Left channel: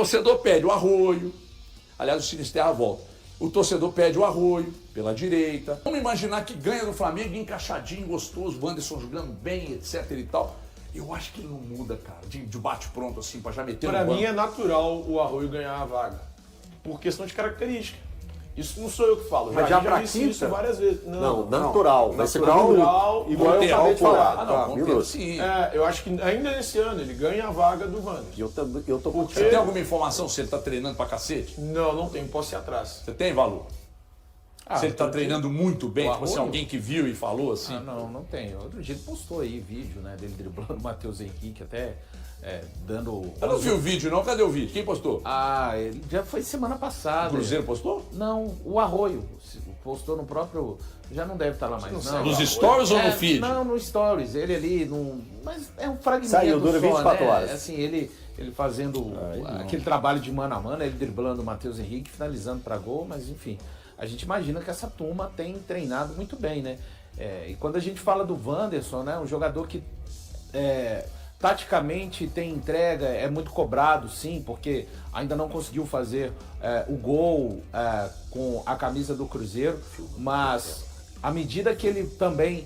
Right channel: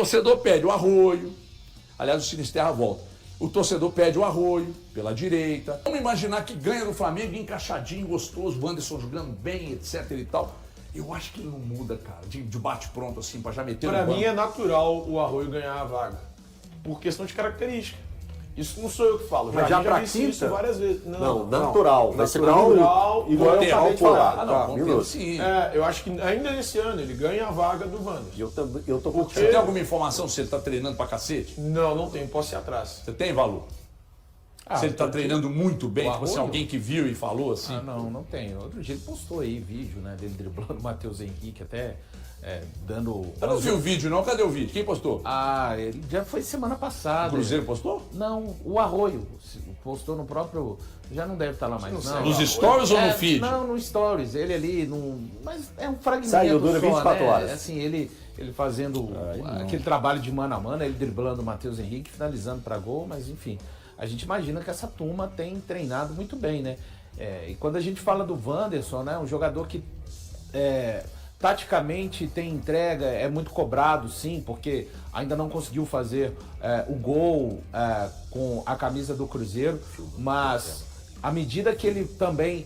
torcedor pede o Arroio. Aliás, o Sinisterra volta. O torcedor pede o Arroio pela direita. Vamos imaginar que ganha do Flamengo encaixadinho, gostoso, o Anderson jogando bem, etc e tal. Eu acho que ele não muda, cara, de bate-pronto assim, pra já meter no Pra banco. mim é natural o Arroio ganhar a vaga. Por questão de característica. Isso não sou eu que falo. Mas já pra disse quinta? isso várias vezes. Não, natural. Vai ser natural, igual eu acabei de falar. Ah, não, Monteiro, sim. Eu acho que ainda nesse ano ele ganha a vaga do Wanderson. Eu tô Você tem alguma informação se ele tá treinando pra cacete? Não tenho. Posso ir atrás. Você tem, Valor? Se ele tá treinando muito bem, O tipo assim, Arroio? alguém que viu e falou assim. Ah, não tem. Outro dia ele postou aí vídeo, né, dele driblando o Matheus Henrique, até dando... Eu não vi o vídeo, não. Cadê o vídeo? Quem postou? Ah, ele já foi semana passada. O Cruzeiro postou? Não, o Arroio postou no próprio... Já não deve estar lá mais, não. Nos stories ou no feed? Não, no stories. Ele ali, mas é um fragmento Saiu, dura só, 24 né? horas. Assim, ele fazendo aquele trabalho de mano a mano, ele driblando o Matheus Henrique, finalizando para gol, mas enfim... A gente imagina que essa turma tem treinado muito bem, né? E quando a gente fala do Wanderson, né? Um jogador que taticamente tem entrega, é muito cobrado, sim, porque ainda não conseguiu fazer o gol com a camisa do Cruzeiro, mas à medida que ele também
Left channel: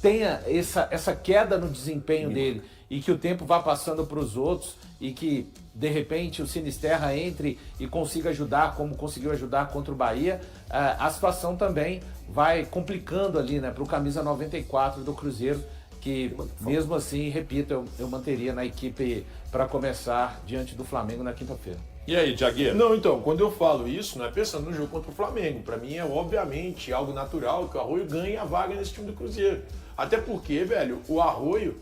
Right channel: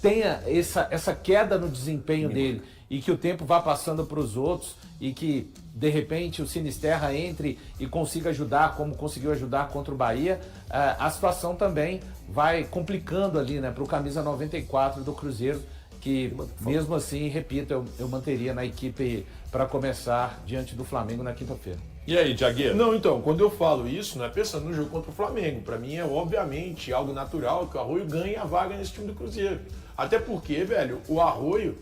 tenha essa queda no desempenho dele e que o tempo vá passando para os outros e que de repente o Sinisterra entre e consiga ajudar como conseguiu ajudar contra o Bahia, a situação também vai complicando ali, né, para o camisa 94 do Cruzeiro, que mesmo assim, repito, eu manteria na equipe para começar diante do Flamengo na quinta-feira. E aí, Thiagueiro? Não, então, quando eu falo isso, não é pensando no jogo contra o Flamengo. Pra mim é obviamente algo natural que o Arroio ganhe a vaga nesse time do Cruzeiro. Até porque, velho, o Arroio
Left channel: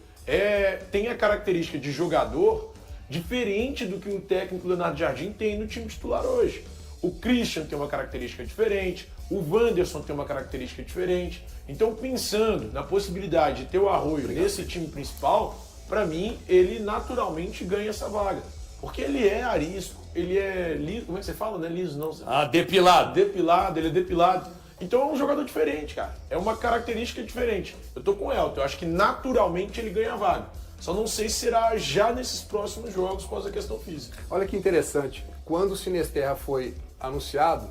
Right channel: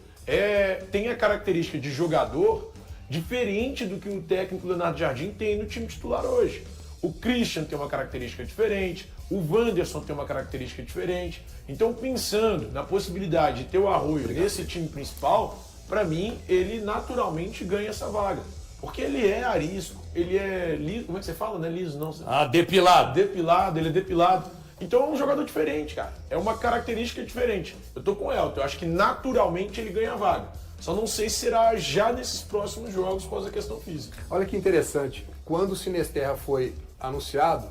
tem a característica de jogador diferente do que o técnico Leonardo Jardim tem no time titular hoje. O Christian tem uma característica diferente, o Wanderson tem uma característica diferente. Então, pensando na possibilidade de ter o Arroio nesse time principal, pra mim, ele naturalmente ganha essa vaga. Porque ele é arisco, ele é liso, como é que você fala, né? Liso não. Depilado. Depilado, ele é depilado. Então é um jogador diferente, cara. É uma característica diferente. Eu tô com o Elton, eu acho que naturalmente ele ganha a vaga. Só não sei se será já nesses próximos jogos por causa da questão física. Olha que interessante. Quando o Sinisterra foi anunciado,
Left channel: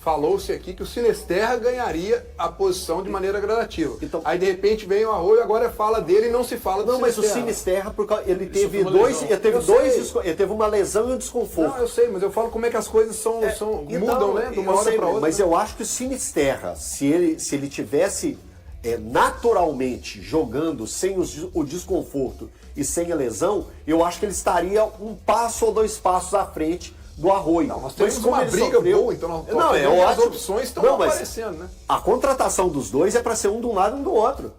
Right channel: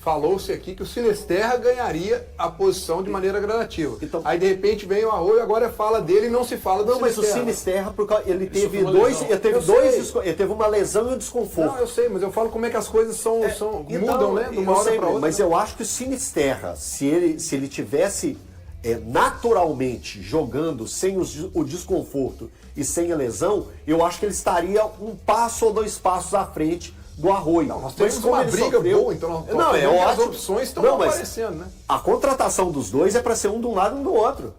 falou-se aqui que o Sinisterra ganharia a posição de maneira gradativa. Então, aí de repente vem o Arroio, agora fala dele e não se fala do Não, mas o Sinisterra. Sinisterra, ele teve Eu ele teve uma lesão e um desconforto. Não, eu sei, mas eu falo como é que as coisas mudam, né? De uma hora para outra. Mas eu acho que o Sinisterra, se ele tivesse naturalmente jogando sem o desconforto e sem a lesão, eu acho que ele estaria um passo ou dois passos à frente do Arroio. Nós temos uma briga boa, então as opções estão aparecendo, né? A contratação dos dois é para ser um de um lado e um do outro.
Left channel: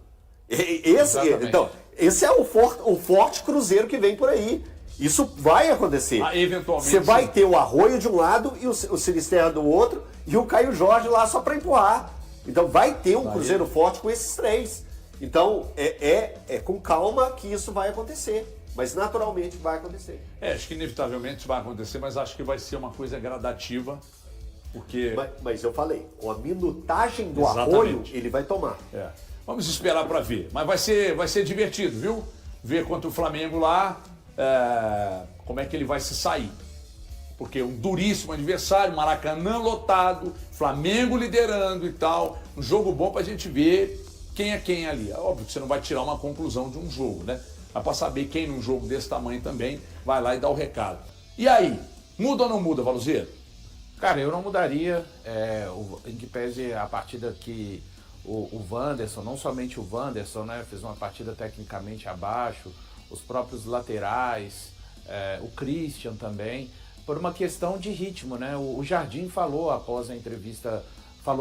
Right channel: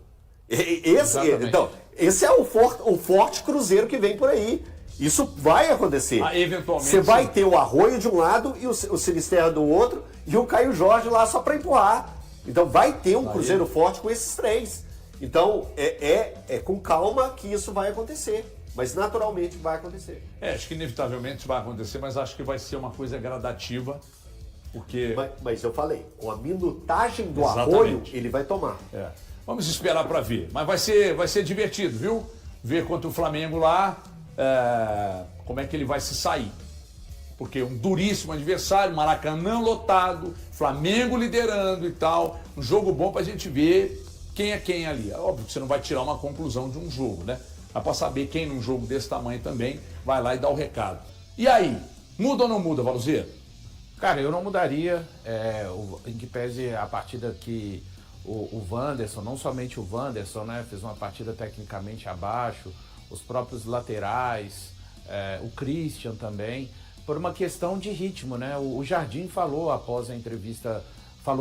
Esse é o forte Cruzeiro que vem por aí. Isso vai acontecer. Eventualmente. Você vai ter o Arroio de um lado e o Sinisterra do outro e o Caio Jorge lá só para empurrar. Então vai ter um Cruzeiro forte com esses três. Então é com calma que isso vai acontecer. Mas naturalmente vai acontecer. Acho que inevitavelmente vai acontecer, mas acho que vai ser uma coisa gradativa, porque... Mas eu falei, com a minutagem do Exatamente. Arroio, ele vai tomar. Vamos esperar para ver. Mas vai ser divertido, viu? Ver contra o Flamengo lá, como é que ele vai se sair. Porque um duríssimo adversário, Maracanã lotado, Flamengo liderando e tal. Um jogo bom pra gente ver quem é quem ali. É óbvio que você não vai tirar uma conclusão de um jogo, né? Mas pra saber quem num jogo desse tamanho também vai lá e dá o recado. E aí, muda ou não muda, Valuzeiro? Cara, eu não mudaria, em que pese a partida que o Wanderson, não somente o Wanderson, né, fez uma partida tecnicamente abaixo, os próprios laterais, o Christian também, por uma questão de ritmo, né? O Jardim falou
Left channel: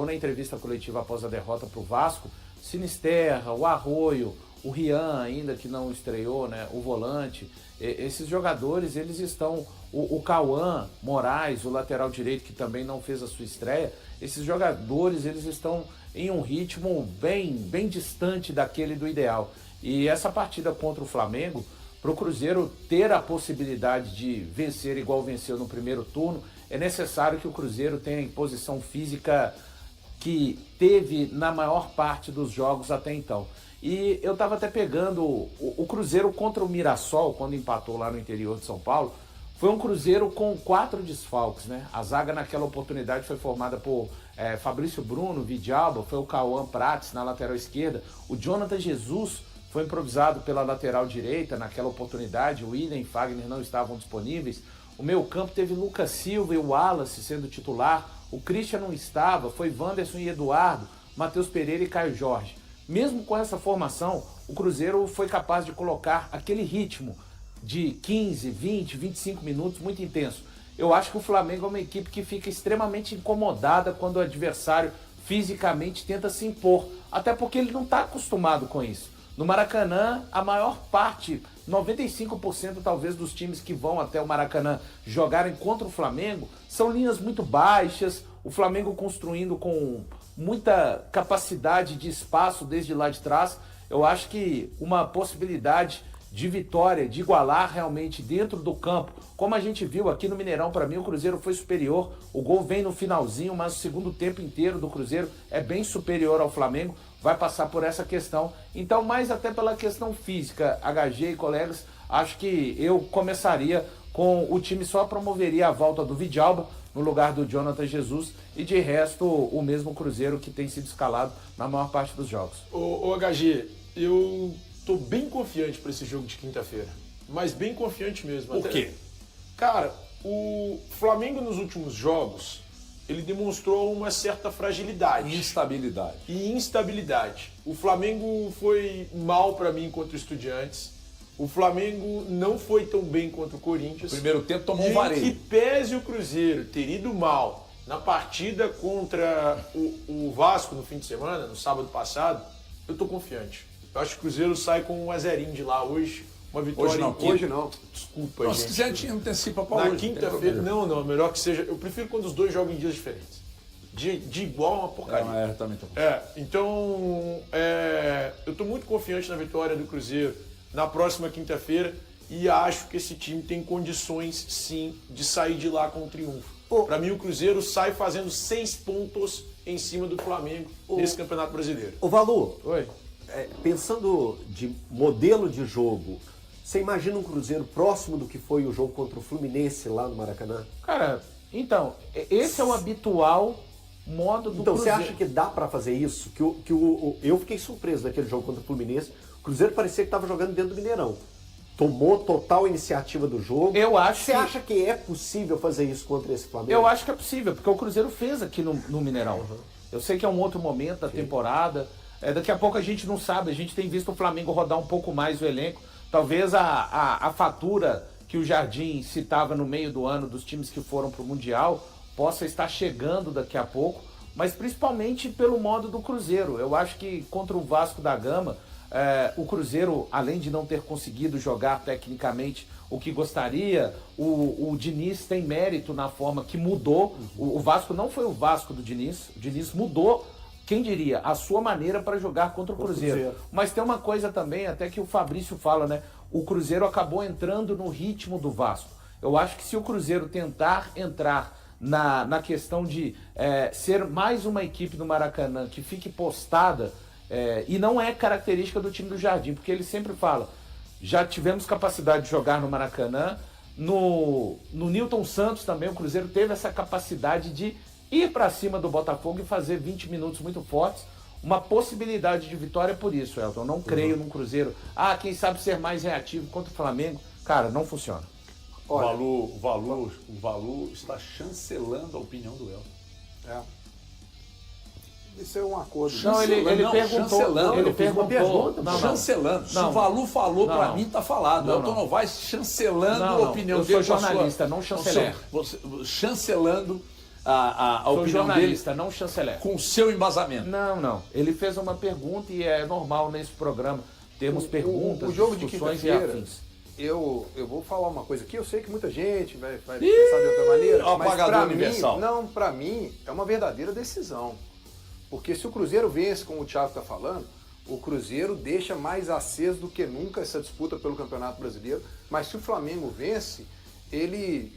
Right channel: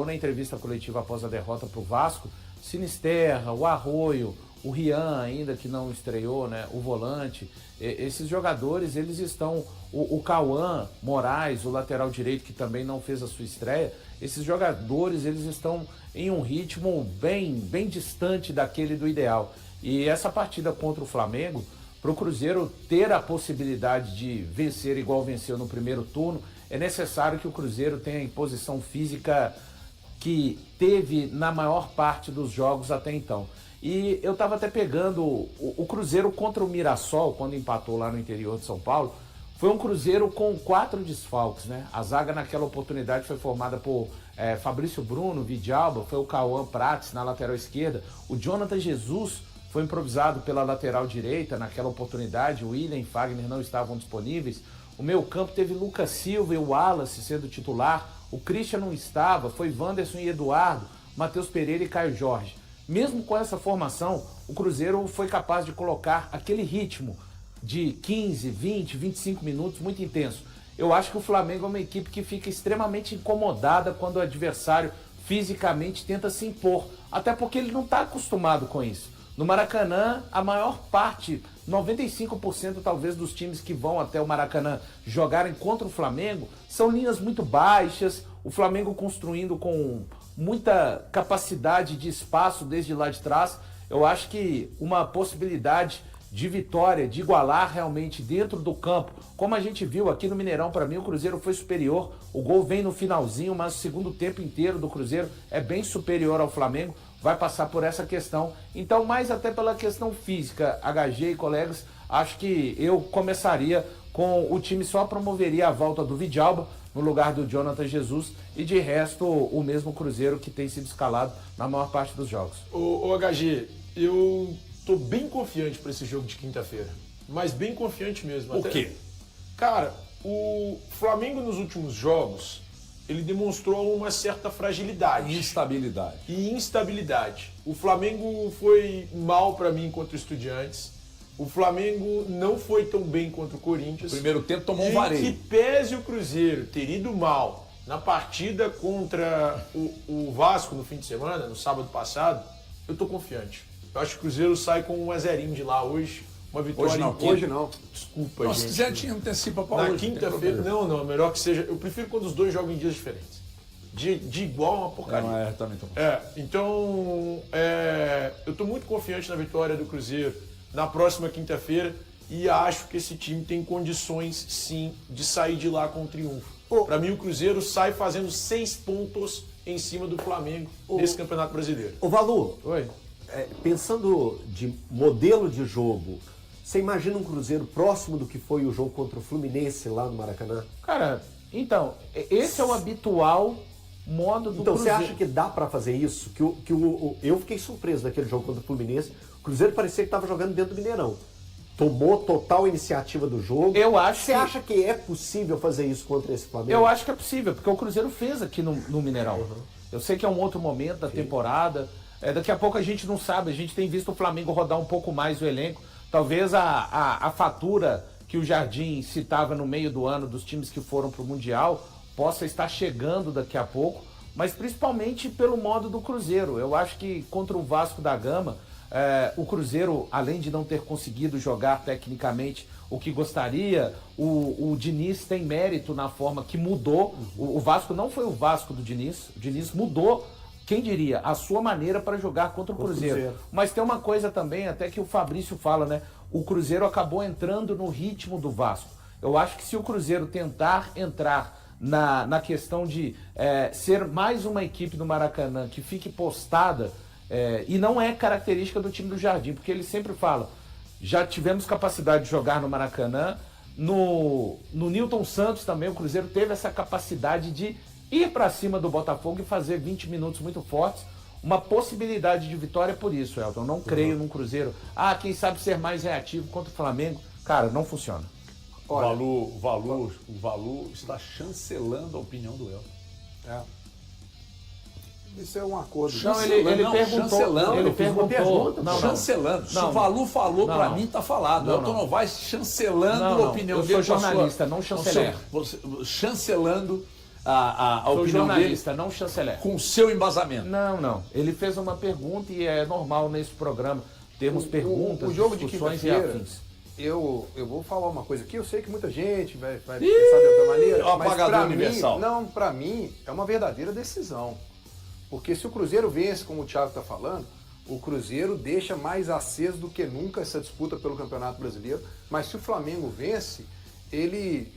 na entrevista coletiva após a derrota para o Vasco, Sinisterra, o Arroio, o Rian ainda que não estreou, né? O volante, esses jogadores, eles estão, o Cauã Moraes, o lateral direito que também não fez a sua estreia, esses jogadores, eles estão em um ritmo bem distante daquele do ideal. E essa partida contra o Flamengo, para o Cruzeiro ter a possibilidade de vencer igual venceu no primeiro turno, é necessário que o Cruzeiro tenha a imposição física que teve na maior parte dos jogos até então. E eu estava até pegando o Cruzeiro contra o Mirassol, quando empatou lá no interior de São Paulo, Foi um Cruzeiro com 4 desfalques, né? A zaga naquela oportunidade foi formada por Fabrício Bruno, Vidalba, foi o Cauã Prates na lateral esquerda, o Jonathan Jesus foi improvisado pela lateral direita naquela oportunidade, o William e Fagner não estavam disponíveis, o meio campo teve Lucas Silva e o Wallace sendo titular, o Christian não estava, foi Wanderson e Eduardo, Matheus Pereira e Caio Jorge. Mesmo com essa formação, o Cruzeiro foi capaz de colocar aquele ritmo de 15, 20, 25 minutos muito intenso. Eu acho que o Flamengo é uma equipe que fica extremamente incomodada quando o adversário fisicamente tenta se impor, até porque ele não está acostumado com isso. No Maracanã, a maior parte, 95% talvez dos times que vão até o Maracanã jogarem contra o Flamengo, são linhas muito baixas, o Flamengo construindo com muita capacidade de espaço desde lá de trás. Eu acho que uma possibilidade de vitória, de igualar realmente dentro do campo, como a gente viu aqui no Mineirão, para mim o Cruzeiro foi superior, o gol vem no finalzinho, mas o segundo tempo inteiro do Cruzeiro é bem superior ao Flamengo, vai passar por essa questão, então mais até pela questão física, HG e colegas, acho que eu começaria com o time só promoveria a volta do Vidalba no lugar do Jonathan Jesus e de resto o mesmo Cruzeiro que tem sido escalado na maior parte dos jogos. Ô HG, eu tô bem confiante para esse jogo de quinta-feira, mas bem confiante mesmo. Por quê? Cara, o Flamengo nos últimos jogos, ele demonstrou uma certa fragilidade. Instabilidade. E instabilidade. O Flamengo foi mal para mim contra o Estudiantes. O Flamengo não foi tão bem contra o Corinthians. Primeiro tempo tomou um E vareio. que pese o Cruzeiro ter ido mal na partida contra o Vasco no fim de semana, no sábado passado, eu tô confiante. Eu acho que o Cruzeiro sai com 1-0 de lá hoje. Uma vitória. Hoje não, Hoje não. Desculpa, Não, se gente. quiser, tinha antecipa para Na hoje. não tem quinta-feira, problema. não, melhor que seja. Eu prefiro quando os dois jogam em dias diferentes. De igual a uma porcaria. Também tô. Então, eu estou muito confiante na vitória do Cruzeiro na próxima quinta-feira e acho que esse time tem condições, sim, de sair de lá com um triunfo. Para mim, o Cruzeiro sai fazendo 6 pontos em cima do Flamengo nesse Campeonato Brasileiro. Ô Valu, Oi. pensando de modelo de jogo, você imagina um Cruzeiro próximo do que foi o jogo contra o Fluminense lá no Maracanã? Cara, então, esse é o habitual modo do Então você Cruzeiro. acha que dá pra fazer isso? Eu fiquei surpreso daquele jogo contra o Fluminense. O Cruzeiro parecia que estava jogando dentro do Mineirão. Tomou total iniciativa do jogo. Eu acho Você que- acha que é possível fazer isso contra esse Flamengo? Eu acho que é possível, porque o Cruzeiro fez aqui no Mineirão. Eu sei que é um outro momento da temporada. Daqui a pouco a gente não sabe, a gente tem visto o Flamengo rodar um pouco mais o elenco. Talvez a fatura que o Jardim citava no meio do ano dos times que foram para o Mundial possa estar chegando daqui a pouco, mas principalmente pelo modo do Cruzeiro. Eu acho que contra o Vasco da Gama, o Cruzeiro, além de não ter conseguido jogar tecnicamente o que gostaria, o Diniz tem mérito na forma que mudou. O Vasco não foi o Vasco do Diniz, o Diniz mudou, quem diria, a sua maneira para jogar contra o Cruzeiro. Mas tem uma coisa também, até que o Fabrício fala, né? O Cruzeiro acabou entrando no ritmo do Vasco. Eu acho que se o Cruzeiro tentar entrar na questão de ser mais uma equipe do Maracanã que fique postada, e não é característica do time do Jardim, porque ele sempre fala, já tivemos capacidade de jogar no Maracanã, no Nilton Santos também o Cruzeiro teve essa capacidade de ir para cima do Botafogo e fazer 20 minutos muito fortes, uma possibilidade de vitória por isso, Elton. Eu não creio num Cruzeiro, quem sabe ser mais reativo contra o Flamengo. Cara, não funciona. Olha, O Valu está chancelando a opinião do Elton. Isso é um acordo. Não, ele perguntou. chancelando. Ele Eu fiz uma perguntou. pergunta, Não, não. Chancelando. Se Não. o Valu falou, Não, pra não. mim tá falado. Não, Elton não. Novaes chancelando Não, a não. opinião Eu dele. sou com a jornalista, não chanceler. Chancelando a Sou opinião jornalista, dele não chanceler. com o seu embasamento. Não. Ele fez uma pergunta e é normal nesse programa termos perguntas, O jogo de discussões e quinta-feira, afins. eu vou falar uma coisa aqui, eu sei que muita gente vai pensar de outra maneira, é o mas apagador pra universal. mim, pra mim, é uma verdadeira decisão. Porque se o Cruzeiro vence, como o Thiago está falando, o Cruzeiro deixa mais aceso do que nunca essa disputa pelo Campeonato Brasileiro. Mas se o Flamengo vence, ele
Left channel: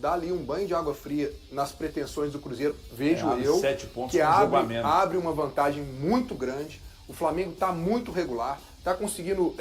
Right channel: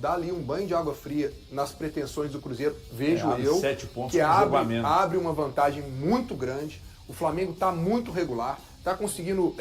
dá ali um banho de água fria nas pretensões do Cruzeiro, vejo abre eu, 7 pontos que com jogo a menos. abre uma vantagem muito grande. O Flamengo está muito regular, está conseguindo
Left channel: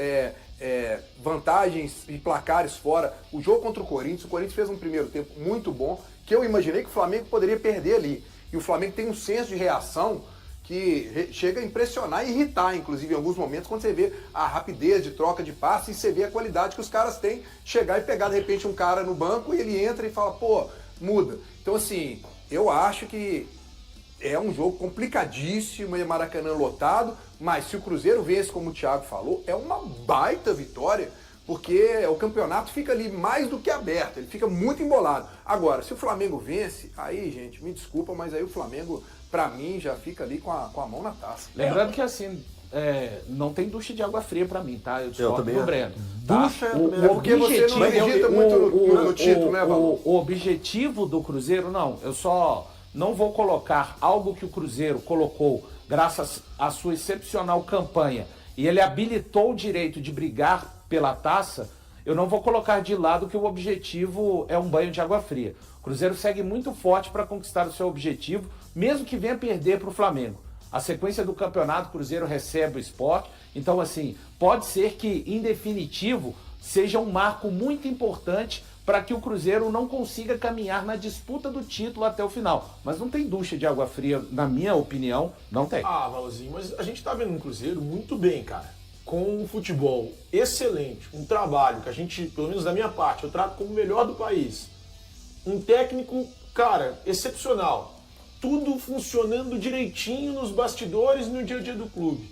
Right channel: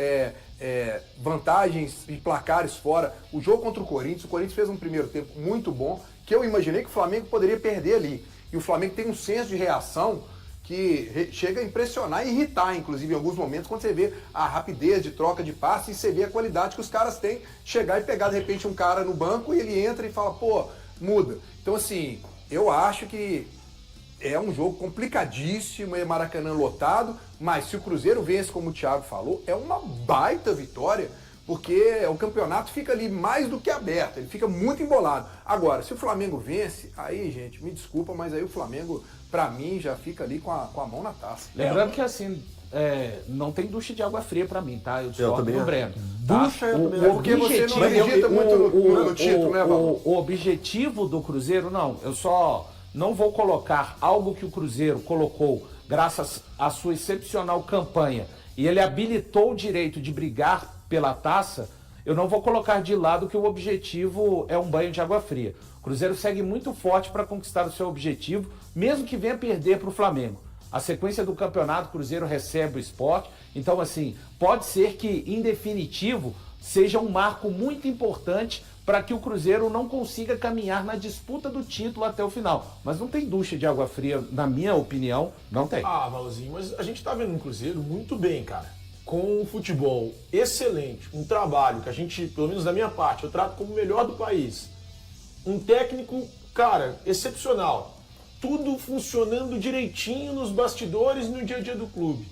vantagens e placares fora. O jogo contra o Corinthians fez um primeiro tempo muito bom, que eu imaginei que o Flamengo poderia perder ali. E o Flamengo tem um senso de reação que chega a impressionar e irritar, inclusive, em alguns momentos, quando você vê a rapidez de troca de passe e você vê a qualidade que os caras têm, chegar e pegar, de repente, um cara no banco e ele entra e fala, pô, muda. Então, assim, eu acho que é um jogo complicadíssimo, é Maracanã lotado, mas se o Cruzeiro vence, como o Thiago falou, é uma baita vitória, porque o campeonato fica ali mais do que aberto, ele fica muito embolado. Agora, se o Flamengo vence, aí, gente, me desculpa, mas aí o Flamengo, pra mim, já fica ali com a mão na taça. Lembrando que assim, não tem ducha de água fria pra mim, tá? Eu discordo também do acho. Breno. Tá? Ducha eu também acho. Porque você não acredita muito no título, né, Valor? O objetivo do Cruzeiro, não. Eu só não vou colocar algo que o Cruzeiro colocou graças à sua excepcional campanha e ele habilitou o direito de brigar pela taça. Eu não vou colocar de lado que o objetivo é um banho de água fria. O Cruzeiro segue muito forte para conquistar o seu objetivo, mesmo que venha perder para o Flamengo. A sequência do campeonato, o Cruzeiro recebe o Sport. Então, assim, pode ser que, em definitivo, seja um marco muito importante para que o Cruzeiro não consiga caminhar na disputa do título até o final. Mas não tem ducha de água fria, na minha opinião, não tem. Ah, Valorzinho, mas a gente tá vendo um Cruzeiro muito bem, cara. Com um futebol excelente, um trabalho que a gente, pelo menos da minha parte, eu trato como o melhor do país. Um técnico, cara, excepcional. Tudo funcionando direitinho nos bastidores no dia a dia do clube.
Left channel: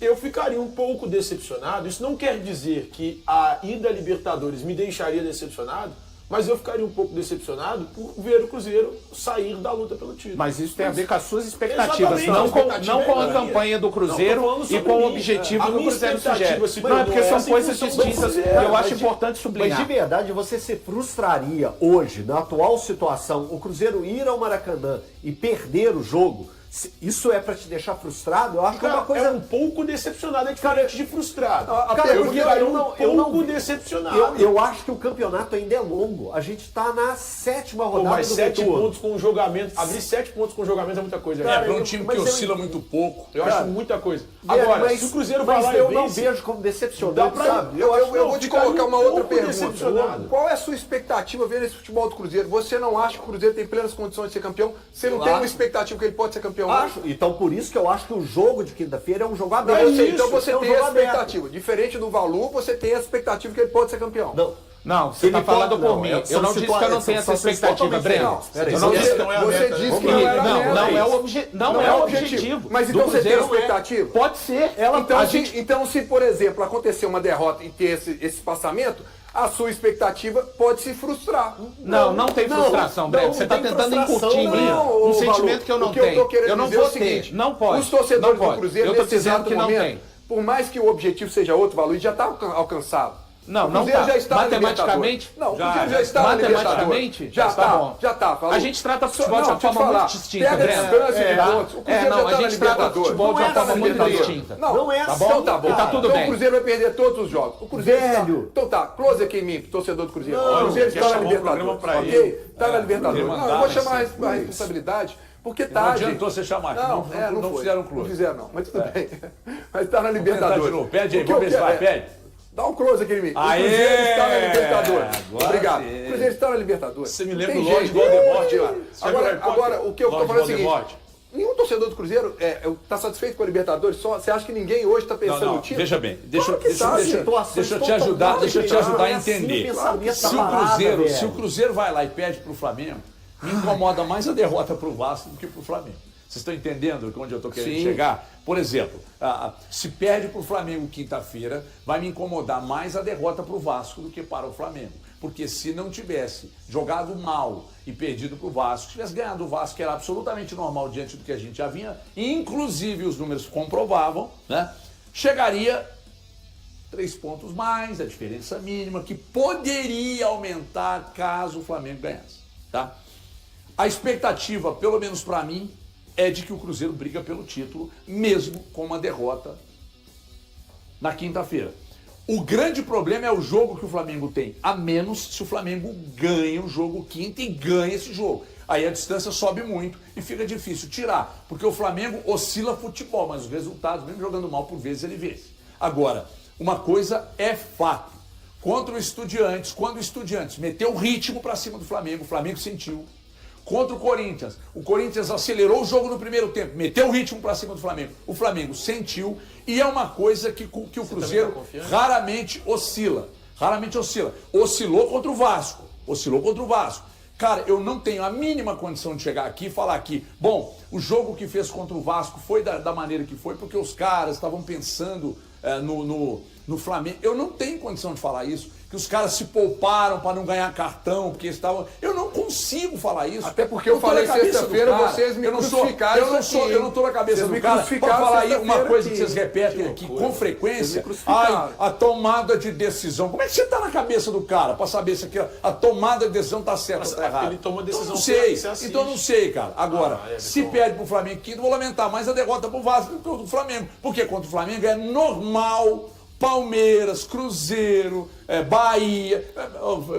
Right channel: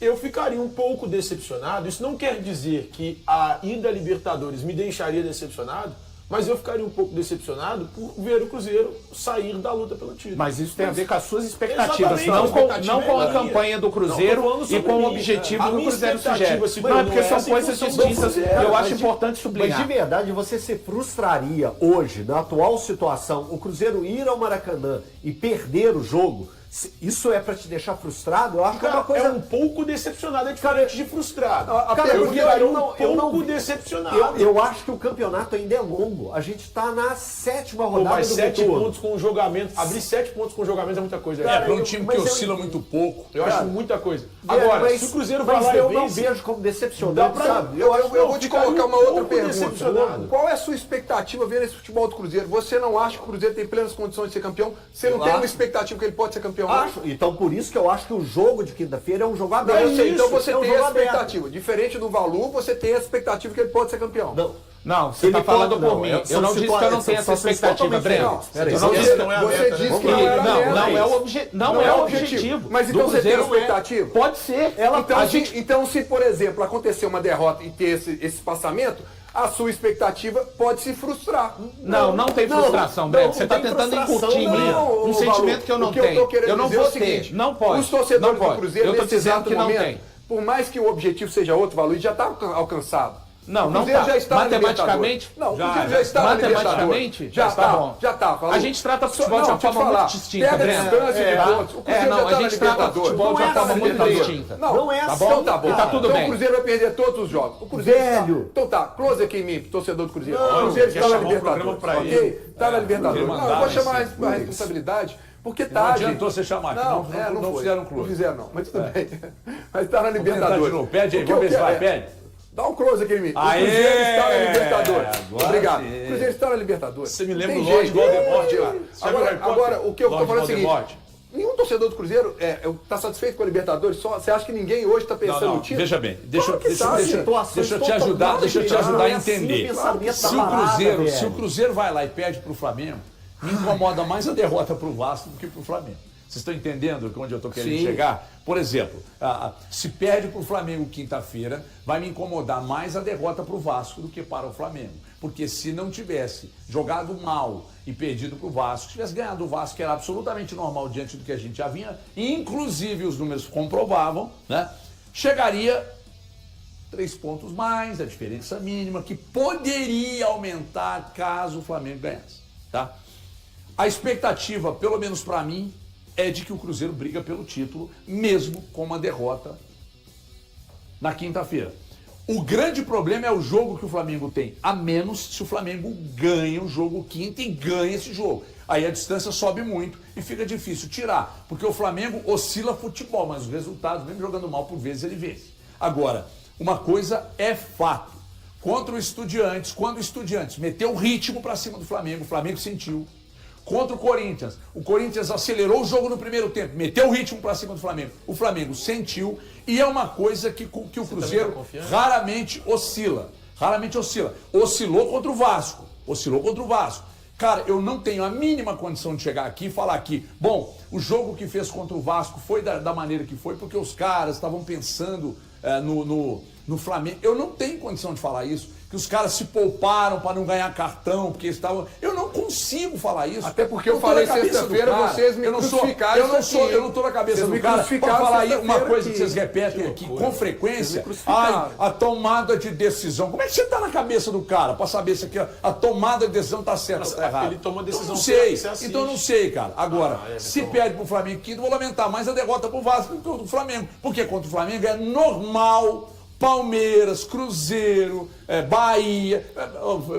Eu ficaria um pouco decepcionado. Isso não quer dizer que a ida à Libertadores me deixaria decepcionado, mas eu ficaria um pouco decepcionado por ver o Cruzeiro sair da luta pelo título. Mas isso tem a ver com as suas expectativas, Exatamente, não a expectativa com a é minha. campanha do Cruzeiro Não, tô falando e sobre com o mim. objetivo A que o minha Cruzeiro expectativa sugere. se Não, é porque tornou são essa em coisas função do distintas e Cruzeiro. eu acho Mas importante Mas sublinhar. de verdade, você se frustraria hoje, na atual situação, o Cruzeiro ir ao Maracanã e perder o jogo? Isso é pra te deixar frustrado? Eu acho que é Cara, uma coisa... é um pouco decepcionado, é diferente de frustrado. Cara, eu porque ficaria eu um não- pouco decepcionado. Eu acho que o campeonato ainda é longo. A gente tá na 7ª Pô, rodada mas do 7 retorno. pontos com o jogamento, abrir 7 pontos com o jogamento é muita coisa. Cara, Para um eu- time mas que eu oscila entendo. muito pouco. Eu cara, acho muita coisa. Agora, Mas- se o Cruzeiro mas vai lá eu e não vence, vejo como decepcionante, dá pra- sabe? Eu vou te ficaria colocar uma um outra pouco pergunta. decepcionado. Qual é a sua expectativa vendo esse futebol do Cruzeiro? Você não acha que o Cruzeiro tem plenas condições de ser campeão? Você não Eu tem uma acho. expectativa que ele pode ser campeão? não? Acho. Então, por isso que eu acho que o jogo de quinta-feira é um jogo Não, aberto. eu sei, então Isso, você é um tem jogo a aberto. expectativa. Diferente do Valu, você tem a expectativa que ele pode ser campeão. Não, Não, você ele está falando pode- por não, mim. são Eu não disse que eu não situações- tenho essa são situações expectativa, totalmente Breno. diferentes. Peraí, Eu não Você, disse que não é você aberta, disse né? que não era não meta, é isso. o não é o objetivo. Mas então do você tem Cruzeiro expectativa? Pode ser. Então, se, por exemplo, acontecer uma derrota e ter esse espaçamento, a sua expectativa pode se frustrar. Não tem frustração, Breno. Você está tem tentando frustração, incutir em mim não, um ô, sentimento Valu, que eu não o que eu tô tenho. querendo Eu não dizer é vou o seguinte, ter. Não pode. Os torcedores não do pode. Cruzeiro, Eu tô nesse dizendo exato que não momento, tem. por mais que o objetivo seja outro, Valu, já está alcançado. Não, o não Cruzeiro tá. já está na Matematicamente? Libertadores. Não, o Já, Cruzeiro já está na matematicamente, Libertadores. Já tá está, bom. já está. Valu. A gente trata futebol de uma Deixa eu te forma falar, muito distinta, pega a Breno. distância de Tá? pontos. O Cruzeiro Não, já a está na gente trata Libertadores. futebol de Não é uma forma assim, muito Libertadores. distinta. Não é Tá assim. bom? Então tá bom. E tá tudo então bem. o Cruzeiro vai perder todos os jogos. O Cruzeiro Velho. Está... Então tá, close aqui em mim, torcedor do Cruzeiro. Não, o Cruzeiro já está na chamou o programa Libertadores. pra Ok? ele. Está na Libertadores. Cruzeiro Não, eu vou mandar chamar esse- a responsabilidade, porque Não tá. adiantou você chamar aqui. Não foi. fizeram clube. Não fizeram, não. Mas tudo bem. Mas está na Vamos tentar Libertadores. de novo. Pede aí, O que vamos eu ver se vai. quero é- Pede. Dá um close aqui em mim. Aê! O Cruzeiro está na Libertadores. Agora Obrigado. sim. O Cruzeiro está na Libertadores. Você me lembra Tem do Lorde jeito. Voldemort lá. Você viu Harry Potter? Agora, o que eu estou Lorde falando é o seguinte. Voldemort. Nenhum torcedor do Cruzeiro está satisfeito com a Libertadores? Você acha que ninguém hoje está pensando Não, no título? veja bem, deixa Claro que tá, eu te ajudar a entender. Se o Cruzeiro vai lá e perde pro Flamengo, me incomoda mais a derrota pro Vasco do que pro Flamengo. Vocês estão entendendo onde eu estou querendo Sim. chegar? Por exemplo, se perde pro Flamengo quinta-feira, vai me incomodar mais a derrota pro Vasco do que para o Flamengo. Porque se não tivesse jogado mal e perdido pro Vasco, tivesse ganhado o Vasco, que era absolutamente normal diante do que a gente já vinha, inclusive os números comprovavam, né? Chegaria 3 pontos mais, a diferença mínima, que poderia aumentar caso o Flamengo ganhasse, tá? A expectativa, pelo menos para mim, é de que o Cruzeiro briga pelo título, mesmo com uma derrota na quinta-feira. O grande problema é o jogo que o Flamengo tem, a menos se o Flamengo ganha o jogo quinta e ganha esse jogo. Aí a distância sobe muito e fica difícil tirar, porque o Flamengo oscila futebol, mas os resultados, mesmo jogando mal, por vezes ele vence. Agora, Uma coisa é fato. Contra o Estudiantes, quando o Estudiantes meteu o ritmo para cima do Flamengo, o Flamengo sentiu. Contra o Corinthians acelerou o jogo no primeiro tempo, meteu o ritmo para cima do Flamengo. O Flamengo sentiu e é uma coisa que o Cruzeiro raramente oscila. Oscilou contra o Vasco. Cara, eu não tenho a mínima condição de chegar aqui e falar aqui, bom, o jogo que fez contra o Vasco foi da maneira que foi, porque os caras estavam pensando no Flamengo. Eu não tenho condição de falar isso, que os caras se pouparam para não ganhar cartão, porque estavam... Eu não consigo falar isso. Até porque eu falei sexta-feira, vocês me crucificaram. Eu não tô na cabeça do cara. Para falar aí uma coisa que vocês repetem aqui com frequência. A tomada de decisão. Como é que você tá na cabeça do cara para saber se aqui, a tomada de decisão tá certa ou tá errada? Ele tomou decisão. Não sei. Então não sei, cara. Agora, se perde pro Flamengo quinto, vou lamentar mais a derrota pro Vasco do que o do Flamengo. Porque contra o Flamengo é normal... Palmeiras, Cruzeiro, Bahia,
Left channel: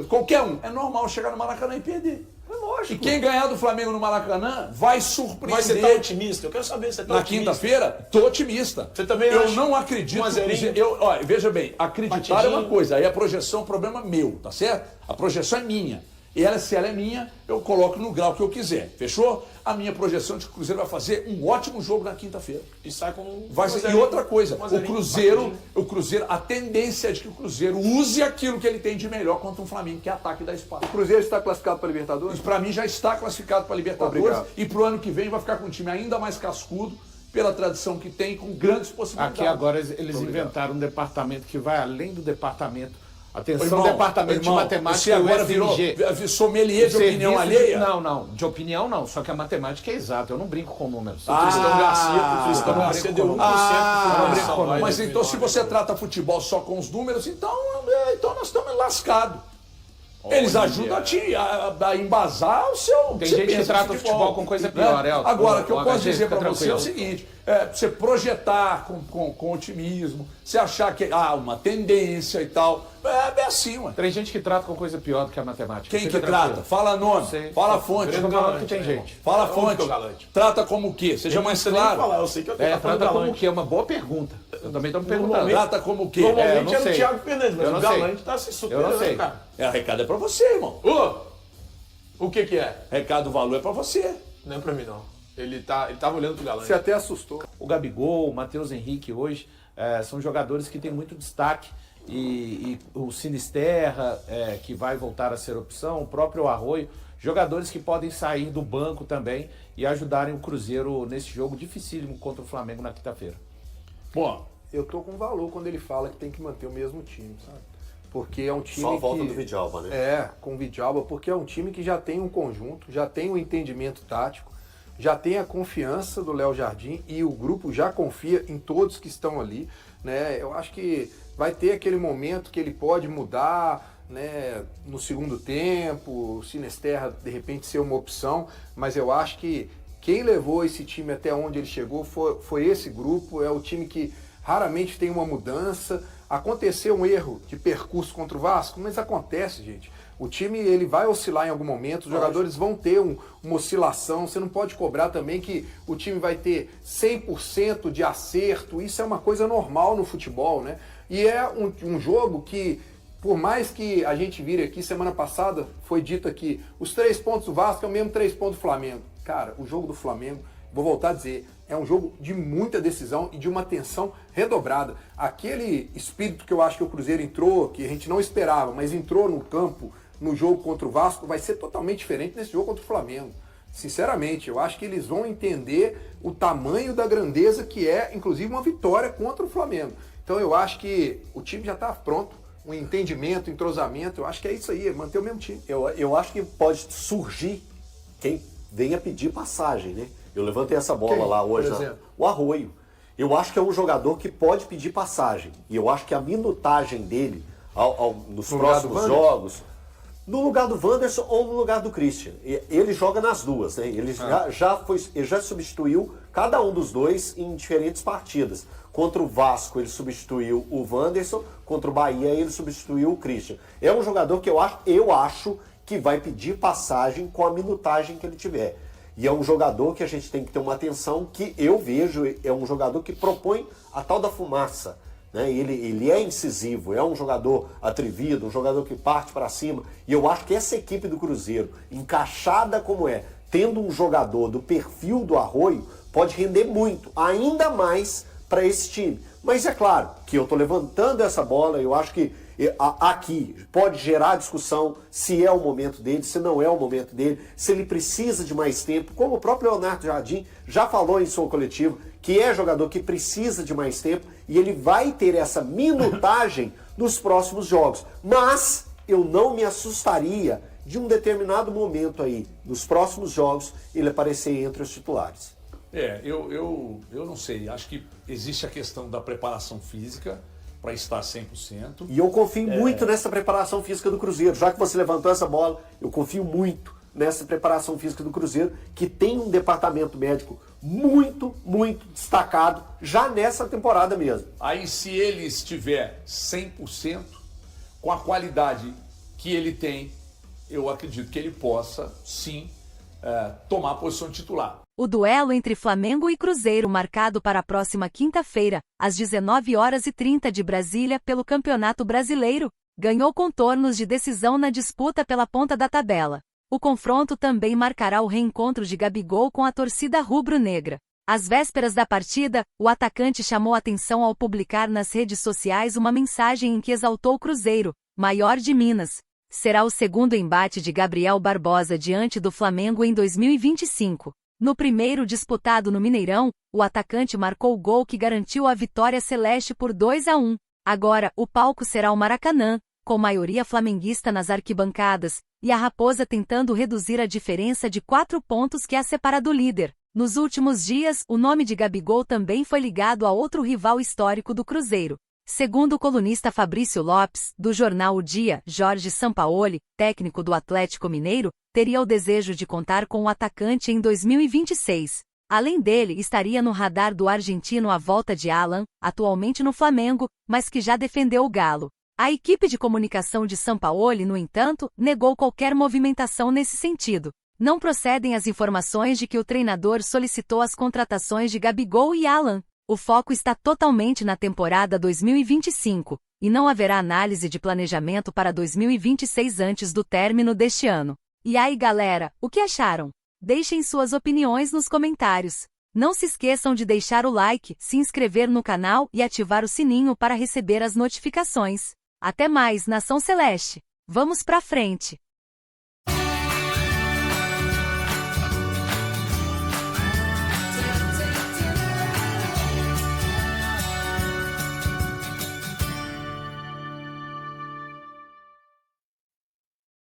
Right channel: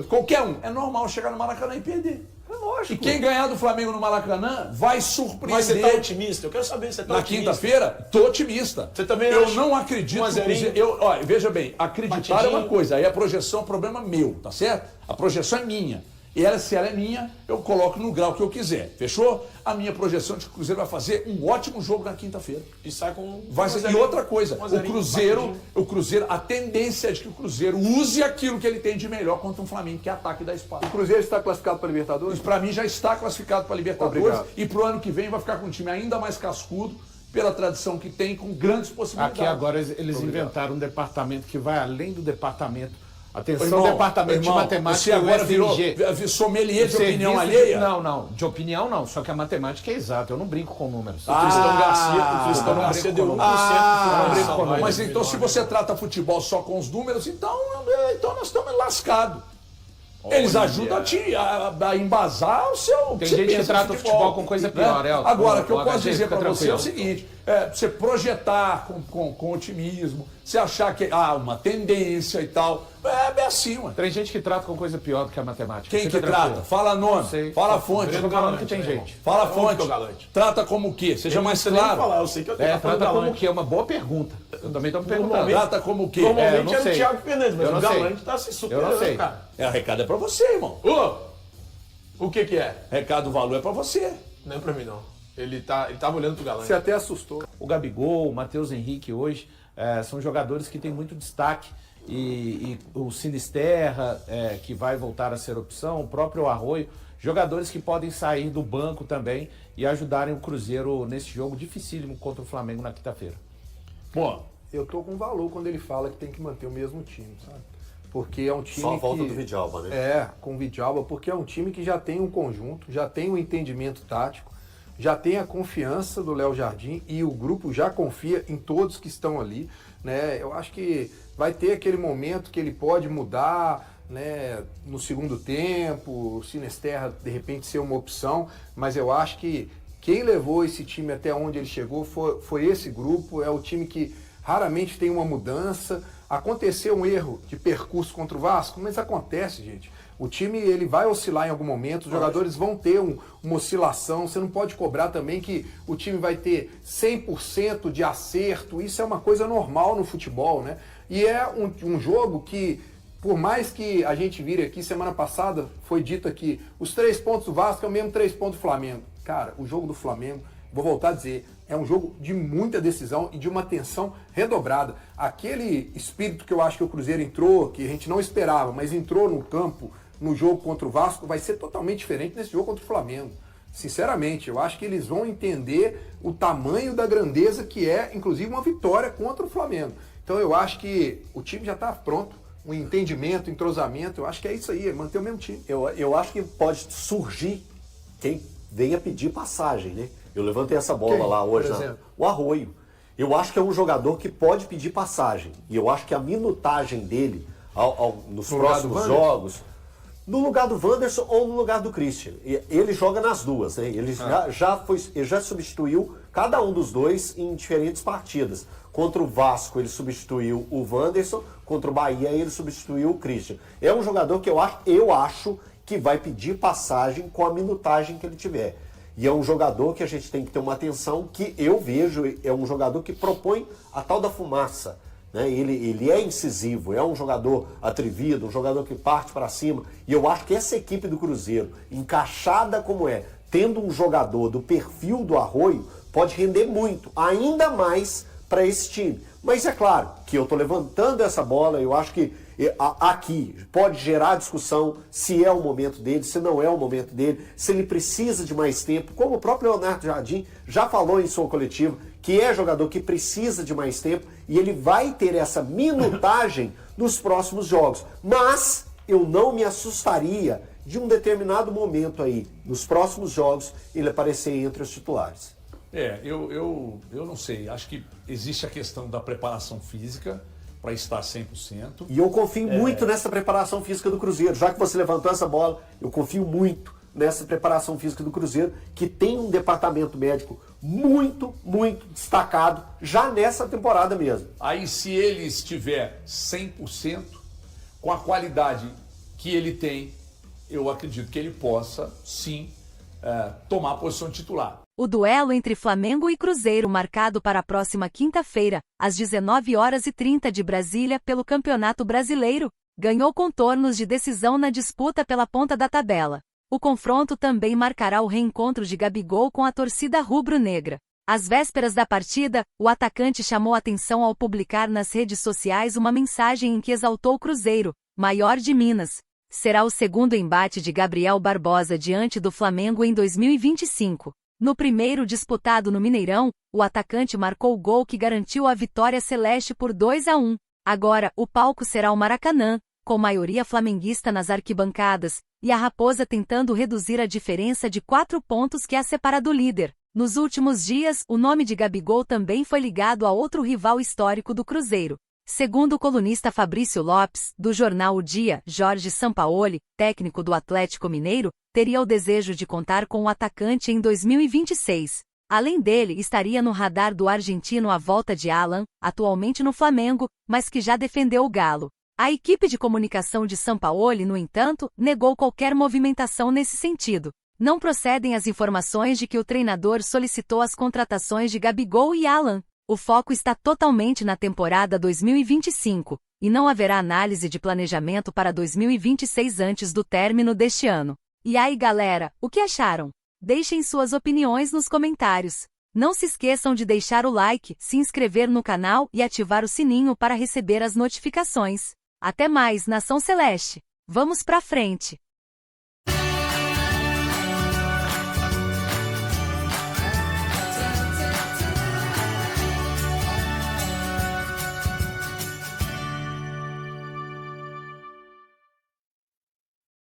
qualquer um. É normal chegar no Maracanã e perder. É lógico. E quem ganhar do Flamengo no Maracanã vai surpreender. Mas você tá otimista? Eu quero saber se você tá otimista. Na quinta-feira, tô otimista. Você também Eu não acredito. Olha, veja bem, acreditar é uma coisa, aí a projeção é um problema meu, tá certo? A projeção é minha. Se ela é minha, eu coloco no grau que eu quiser. Fechou? A minha projeção de que o Cruzeiro vai fazer um ótimo jogo na quinta-feira. E sai com E outra coisa, o Cruzeiro, a tendência é de que o Cruzeiro use aquilo que ele tem de melhor contra um Flamengo, que é ataque da espada. O Cruzeiro está classificado para a Libertadores? Para mim já está classificado para a Libertadores. Obrigado. E pro ano que vem vai ficar com um time ainda mais cascudo, pela tradição que tem, com grandes possibilidades. Aqui agora eles inventaram um departamento que vai além do departamento. Atenção, departamento de matemática. Você agora virou sommelier de opinião alheia? Não, de opinião não, só que a matemática é exata, eu não brinco com números. O Cristão Garcia deu 1%. Mas então se você trata futebol só com os números, então nós estamos lascados. Eles ajudam a embasar o seu... Tem gente que trata o futebol com coisa pior, né? Agora, o que eu posso dizer para você é o seguinte, você projetar com otimismo, você achar que uma tendência e tal, é assim, mano. Tem gente que trata com coisa pior do que a matemática. Quem que trata? Fala nome, fala a fonte. Eu tô falando que tem gente. Fala a fonte. Trata como o quê? Seja mais claro. Eu sei que eu tenho trata como o quê? É uma boa pergunta. Eu também tô me perguntando. Trata como o quê? Normalmente é o Thiago Fernandes, mas o Galante tá se superando, eu não sei. cara. O recado é pra você, irmão. O que é? Recado, valor é pra você. Não é pra mim, não. Ele tava olhando pro Galante. Você até assustou. O Gabigol, o Matheus Henrique hoje são jogadores que têm muito destaque. E o Sinisterra, que vai voltar a ser opção, o próprio Arroio, jogadores que podem sair do banco também e ajudarem o Cruzeiro nesse jogo dificílimo contra o Flamengo na quinta-feira. Bom, eu tô com valor quando ele fala que tem que manter o mesmo time, sabe? Porque é um time Só a volta do Vidalba, né? Com o Vidalba, porque é um time que já tem um conjunto, já tem um entendimento tático, já tem a confiança do Léo Jardim e o grupo já confia em todos que estão ali, né? Eu acho que vai ter aquele momento que ele pode mudar, né, no segundo tempo, o Sinisterra de repente ser uma opção, mas eu acho que quem levou esse time até onde ele chegou foi esse grupo, é o time que raramente tem uma mudança. Aconteceu um erro de percurso contra o Vasco, mas acontece, gente. O time ele vai oscilar em algum momento, os jogadores vão ter uma oscilação, você não pode cobrar também que o time vai ter 100% de acerto, isso é uma coisa normal no futebol, né? E é um jogo que, por mais que a gente vire aqui, semana passada foi dito aqui, os 3 pontos do Vasco é o mesmo 3 pontos do Flamengo. Cara, o jogo do Flamengo, vou voltar a dizer, é um jogo de muita decisão e de uma tensão redobrada. Aquele espírito que eu acho que o Cruzeiro entrou, que a gente não esperava, mas entrou no campo, no jogo contra o Vasco, vai ser totalmente diferente nesse jogo contra o Flamengo. Sinceramente, eu acho que eles vão entender o tamanho da grandeza que é, inclusive, uma vitória contra o Flamengo. Então eu acho que o time já está pronto, um entendimento, entrosamento, eu acho que é isso aí, é manter o mesmo time. Eu acho que pode surgir quem venha pedir passagem, né? Eu levantei essa bola lá hoje, o Arroio. Eu acho que é um jogador que pode pedir passagem. E eu acho que a minutagem dele nos próximos jogos, no lugar do Wanderson ou no lugar do Christian. Ele joga nas duas, né? Ele já substituiu cada um dos dois em diferentes partidas. Contra o Vasco ele substituiu o Wanderson, contra o Bahia ele substituiu o Christian. É um jogador que eu acho que vai pedir passagem com a minutagem que ele tiver. E é um jogador que a gente tem que ter uma atenção, que eu vejo, é um jogador que propõe a tal da fumaça. né? Ele é incisivo, é um jogador atrevido, um jogador que parte para cima. E eu acho que essa equipe do Cruzeiro, encaixada como é, tendo um jogador do perfil do Arroio, pode render muito, ainda mais para esse time. Mas é claro que eu estou levantando essa bola, eu acho que aqui pode gerar discussão se é o momento dele, se não é o momento dele, se ele precisa de mais tempo, como o próprio Leonardo Jardim já falou em sua coletiva, que é jogador que precisa de mais tempo e ele vai ter essa minutagem nos próximos jogos. Mas eu não me assustaria de um determinado momento aí, nos próximos jogos, ele aparecer entre os titulares. Eu não sei, acho que existe a questão da preparação física para estar 100%. E eu confio muito nessa preparação física do Cruzeiro. Já que você levantou essa bola, eu confio muito nessa preparação física do Cruzeiro, que tem um departamento médico muito, muito destacado já nessa temporada mesmo. Aí, se ele estiver 100%, com a qualidade que ele tem, eu acredito que ele possa, sim, tomar a posição de titular. O duelo entre Flamengo e Cruzeiro, marcado para a próxima quinta-feira, às 19h30 de Brasília, pelo Campeonato Brasileiro, ganhou contornos de decisão na disputa pela ponta da tabela. O confronto também marcará o reencontro de Gabigol com a torcida rubro-negra. Às vésperas da partida, o atacante chamou atenção ao publicar nas redes sociais uma mensagem em que exaltou o Cruzeiro, maior de Minas. Será o segundo embate de Gabriel Barbosa diante do Flamengo em 2025. No primeiro disputado no Mineirão, o atacante marcou o gol que garantiu a vitória celeste por 2-1. Agora, o palco será o Maracanã, com maioria flamenguista nas arquibancadas, e a Raposa tentando reduzir a diferença de 4 pontos que a separa do líder. Nos últimos dias, o nome de Gabigol também foi ligado a outro rival histórico do Cruzeiro. Segundo o colunista Fabrício Lopes, do jornal O Dia, Jorge Sampaoli, técnico do Atlético Mineiro, teria o desejo de contar com o atacante em 2026. Além dele, estaria no radar do argentino a volta de Alan, atualmente no Flamengo, mas que já defendeu o Galo. A equipe de comunicação de Sampaoli, no entanto, negou qualquer movimentação nesse sentido. Não procedem as informações de que o treinador solicitou as contratações de Gabigol e Alan. O foco está totalmente na temporada 2025, e não haverá análise de planejamento para 2026 antes do término deste ano. E aí, galera, o que acharam? Deixem suas opiniões nos comentários. Não se esqueçam de deixar o like, se inscrever no canal e ativar o sininho para receber as notificações. Até mais, Nação Celeste! Vamos pra frente!